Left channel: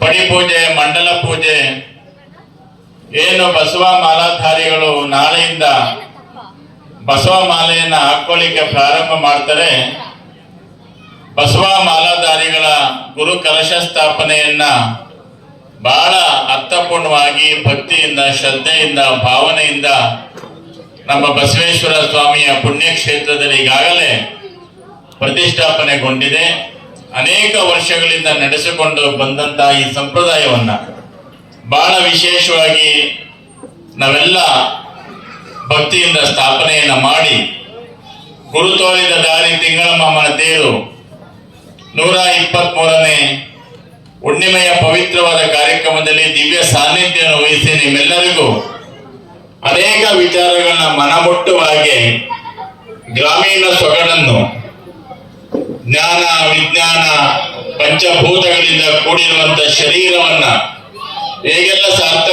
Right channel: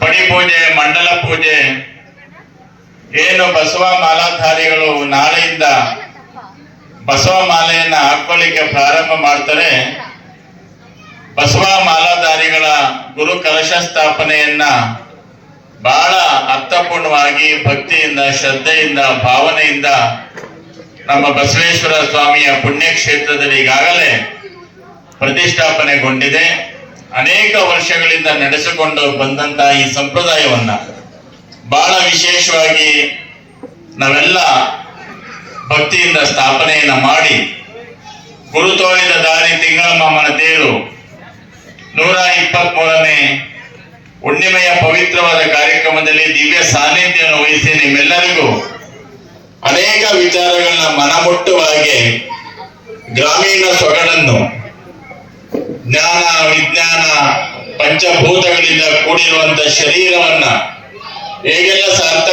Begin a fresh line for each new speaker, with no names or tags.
ಪಡಿ ಪೂಜೆ ಮಂಡಲ ಪೂಜೆ. ಏನು ಬಸವ ಮಾಲಾಧಾರಿಗಳು ನಾಳೆಯಿಂದ ಬಸವ ಮಾಲೆಯನ್ನ ಹಾಕೊಳ್ಳಿಕ್ಕೆ ಪ್ರಾರಂಭ ಮಾಡ್ತಾರೆ. ಬಸವ ಮಾಲಾಧಾರಿಗಳ ಗುರು ಕಲಶ ಸ್ಥಾಪನೆಯನ್ನ ಬಹಳ ಅರ್ಥಪೂರ್ಣವಾಗಿ ಭಕ್ತಿಯಿಂದ, ಶ್ರದ್ಧೆಯಿಂದ, ಭಾವನೆಯಿಂದ ನಮ್ಮ ಬಸವೇಶ್ವರ ಸ್ವಾಮಿಯ ಪುಣ್ಯಕ್ಷೇತ್ರದಲ್ಲಿ ಈಗಾಗಲೇ ಪ್ರತಿಷ್ಠಾಪನೆಗೊಂಡಿದೆ. ಅನೇಕ ವರ್ಷಗಳಿಂದ ನಡೆಸಿಕೊಂಡು ಬಂದಂತ ಈ ಸಂಪ್ರದಾಯವನ್ನ ಬಹಳ ವಿಶೇಷವಾಗಿ ನಾವೆಲ್ಲ ಭಕ್ತಿಯಿಂದ ಸ್ಥಾಪನೆಯನ್ನ ಮಾಡಿ ಗುರು ತೋರಿದ ದಾರಿ ತಿಂಗಳ ದೇವರು ನೂರ ಇಪ್ಪತ್ತ್ ಮೂರನೇ ಹುಣ್ಣಿಮೆಯ ಪವಿತ್ರವಾದ ಕಾರ್ಯಕ್ರಮದಲ್ಲಿ ದಿವ್ಯ ಸಾನ್ನಿಧ್ಯವನ್ನು ವಹಿಸಿ ನಿಮ್ಮೆಲ್ಲರಿಗೂ ಅನೇಕ ವಿಚಾರಗಳನ್ನ ಮನಮುಟ್ಟುವ ಹಾಗೆ ಗ್ರಾಮೀಣ ಸೊಗಡನ್ನು ಜ್ಞಾನ, ವಿಜ್ಞಾನ ಪಂಚಭೂತಗಳಿಂದ ಕೂಡಿರುವಂತ ಶರೀರವನ್ನ ಹೇಗೆಲ್ಲ ಸಾರ್ಥ